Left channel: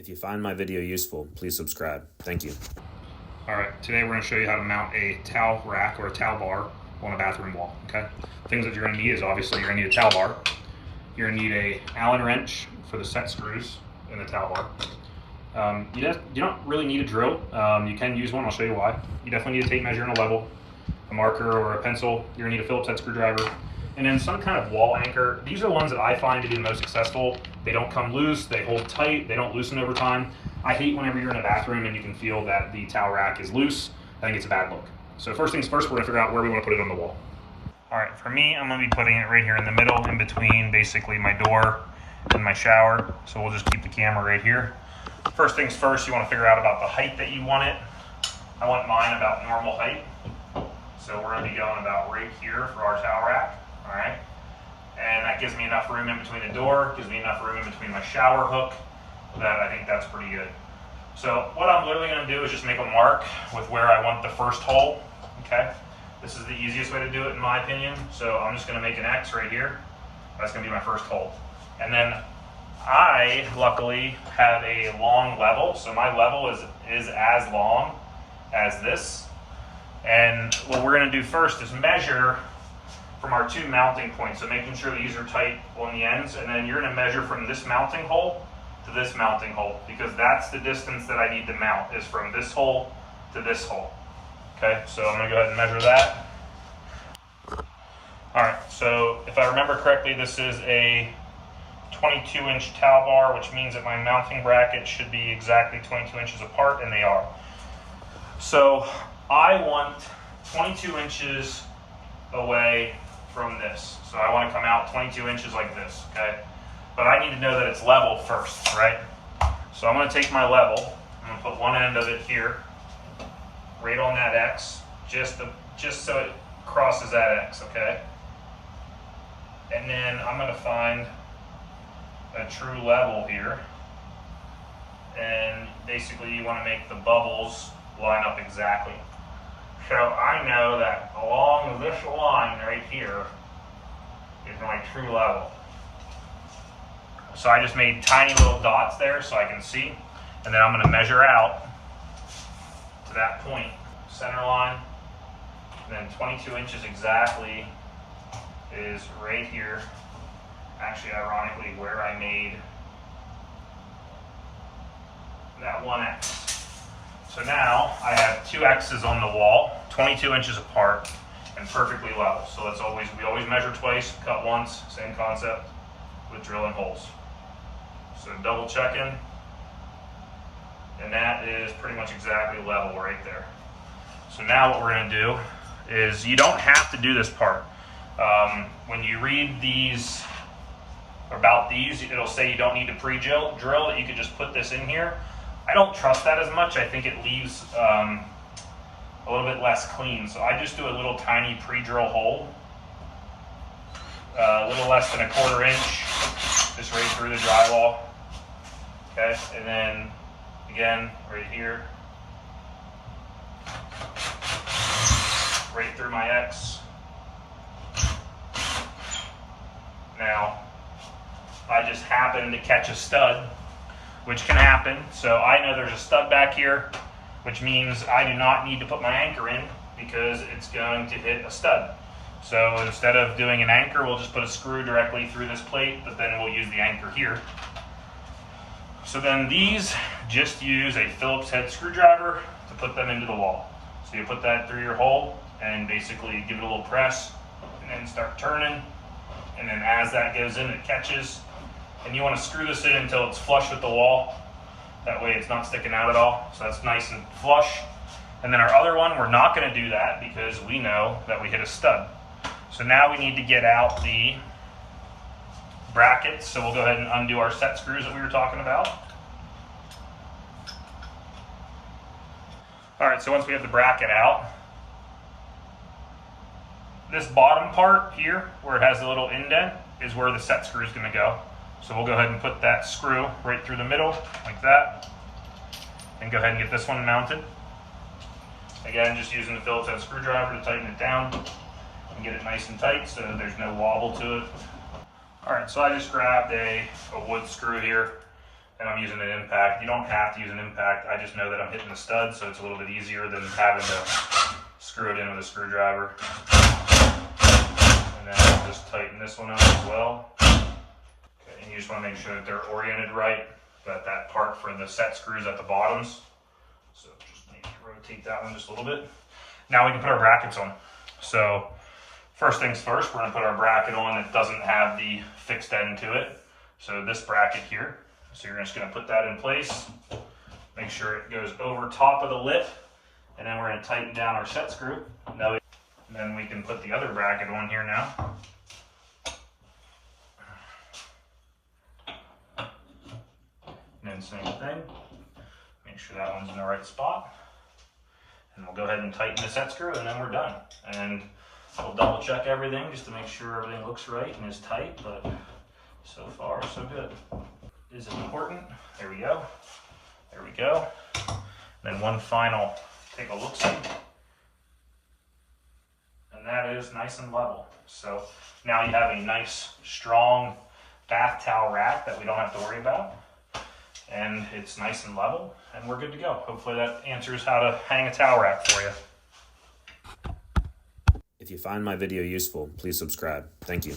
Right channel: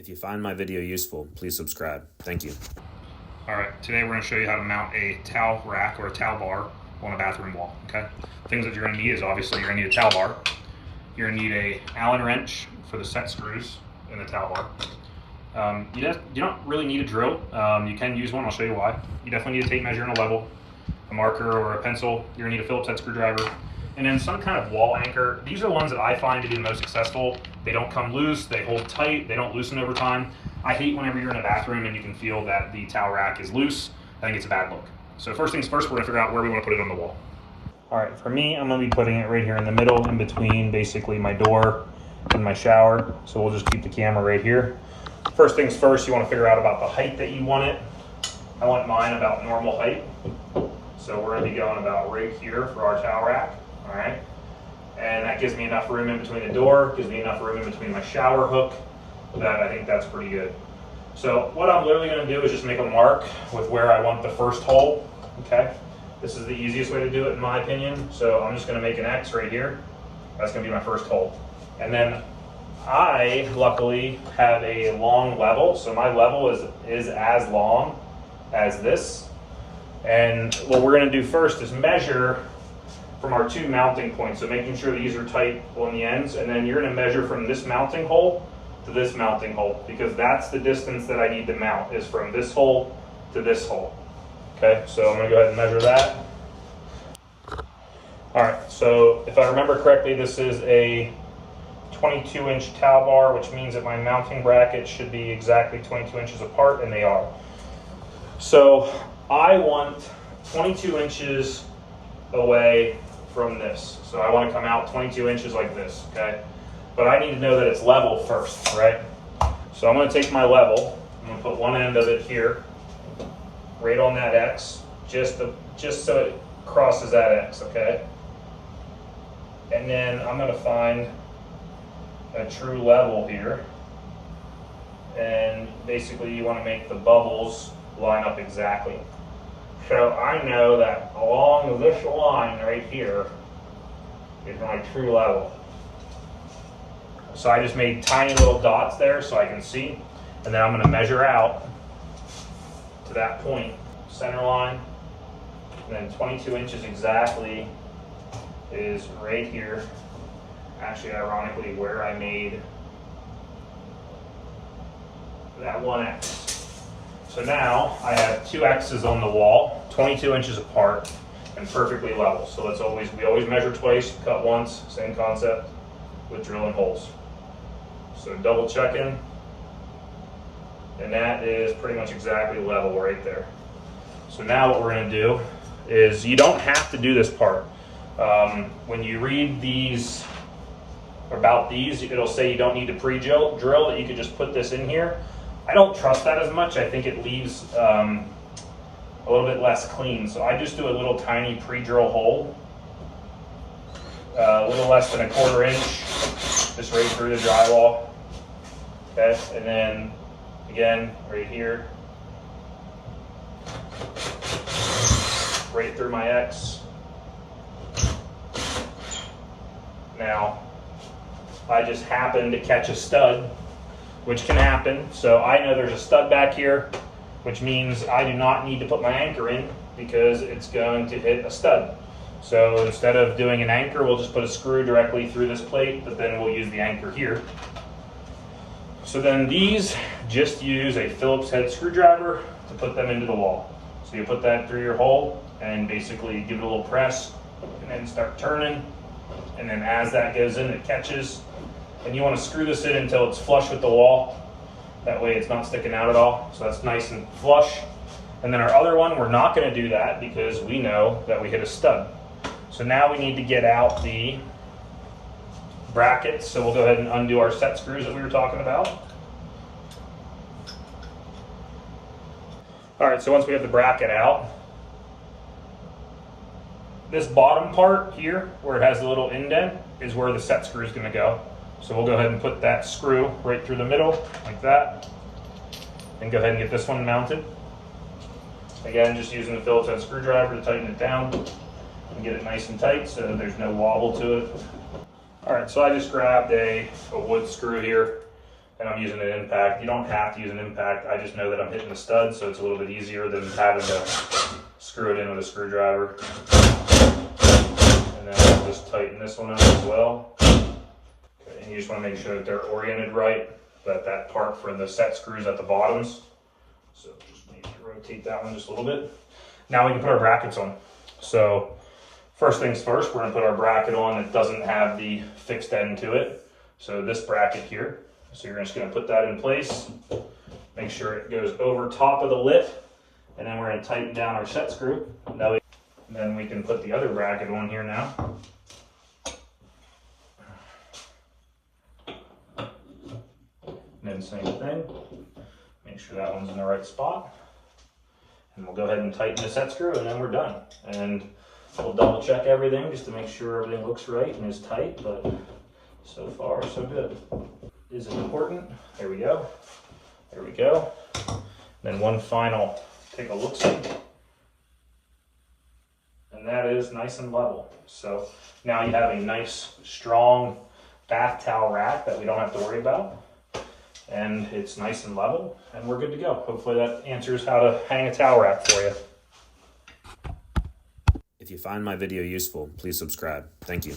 If you find my video useful, please subscribe. Thank you. All right, today we're going to show you how to mount a towel rack or a towel bar on a bathroom wall, okay? Things that you're going to need is obviously you're going to need a towel bar. You're going to need a Allen wrench for the set screws in the towel bar. You don't really need a drill. You can use one, I'll show you why. You definitely need a tape measure and a level, a marker or a pencil. You're going to need a Phillips head screwdriver, and then some kind of wall anchor. These are the ones that I find to be the most successful. They don't come loose, they hold tight, they don't loosen over time. I hate whenever you're in a bathroom and you can feel that the towel rack is loose. I think it's a bad look. So first things first, we're gonna figure out where we wanna put it on the wall. All right, for me, I'm gonna be putting it right here in the middle, in between basically my door and my shower. So we'll just keep the camera right here. First things first, you wanna figure out about the height that you want it. I want mine about normal height. So we're gonna be going about right here for our towel rack, all right? And that gives me enough room in between the door, gives me enough room in between my shower hook, that I think that's pretty good. So what I'm literally gonna do is just make a mark with where I want the first hole, okay? This is the easiest way to do it in my opinion. So I'm just gonna make an X right here. That's gonna be my first hole. And then I, luckily, have a long level. So my level is as long as this. And what we're gonna do first is measure from our two mounting points. So making sure these are tight on the ends. And then you're gonna measure from this mounting hole to this mounting hole, because that's the distance that I need to mount, is from this hole to this hole. Okay, so I'm gonna go ahead and measure that. All right, so if I remember correctly, this is a 22-inch towel bar, which means that my mounting bracket should be exactly 22 inches apart, and they are. So I want 22 inches away from this. So I want to come out 22 inches like this, okay? But I need to know that it's level first, right? So I'm going to take my level, I'm going to put one end of it here, right on that X, just so it crosses that X, okay? And then I'm going to find a true level here, and basically you want to make the bubbles line up exactly. So I know that along this line right here is my true level. So I just made tiny little dots there so I can see, and then I'm going to measure out to that point, center line, and then 22 inches exactly is right here. Actually, ironically, where I made that one X. So now I have two X's on the wall, 22 inches apart and perfectly level. So we always measure twice, cut once, same concept with drilling holes. So double checking, and that is pretty much exactly level right there. So now what we're gonna do is, you don't have to do this part. When you read these, about these, it'll say you don't need to pre-drill, that you could just put this in here. I don't trust that as much. I think it leaves a little bit less clean. So I just do a little tiny pre-drill hole, a little less than 1/4 inch, just right through the drywall. Okay, and then again, right here, right through my X. Now, I just happen to catch a stud, which can happen. So I know there's a stud back here, which means I do not need to put my anchor in because it's going to hit a stud. So instead of doing an anchor, we'll just put a screw directly through this plate, but then we'll use the anchor here. So then these just use a Phillips head screwdriver to put them into the wall. So you put that through your hole and basically give it a little press and then start turning. And then as that goes in, it catches. And you want to screw this in until it's flush with the wall. That way it's not sticking out at all. So that's nice and flush. And then our other one, we're not going to do that because we know that we hit a stud. So now we need to get out the brackets. So we'll go ahead and undo our set screws that we were talking about. All right, so once we have the bracket out, this bottom part here, where it has the little indent, is where the set screw is going to go. So we'll go ahead and put that screw right through the middle, like that. And go ahead and get this one mounted. Again, just using the Phillips head screwdriver to tighten it down and get it nice and tight so there's no wobble to it. All right, so I just grabbed a wood screw here. and I'm using an impact. You don't have to use an impact. I just know that I'm hitting the stud, so it's a little bit easier than having to screw it in with a screwdriver. And then I'll just tighten this one up as well. Okay, and you just want to make sure that they're oriented right, that part for the set screws at the bottoms. So just need to rotate that one just a little bit. Now we can put our brackets on. So first things first, we're going to put our bracket on that doesn't have the fixed end to it. So this bracket here. So you're just going to put that in place. Make sure it goes over top of the lip, and then we're going to tighten down our set screw. And then we can put the other bracket on here now. And then same thing. Make sure that one's in the right spot. And we'll go ahead and tighten the set screw, and then we're done. And we'll double check everything just to make sure everything looks right and is tight, but so far so good. Is it important? There we go. There we go. Then one final, take a look-see. And that is nice and level. So now you have a nice, strong bath towel rack that we don't have to worry about. And it's nice and level, and we're good to go. Hopefully that answers how to hang a towel rack for you. If you find my video useful, please subscribe. Thank you.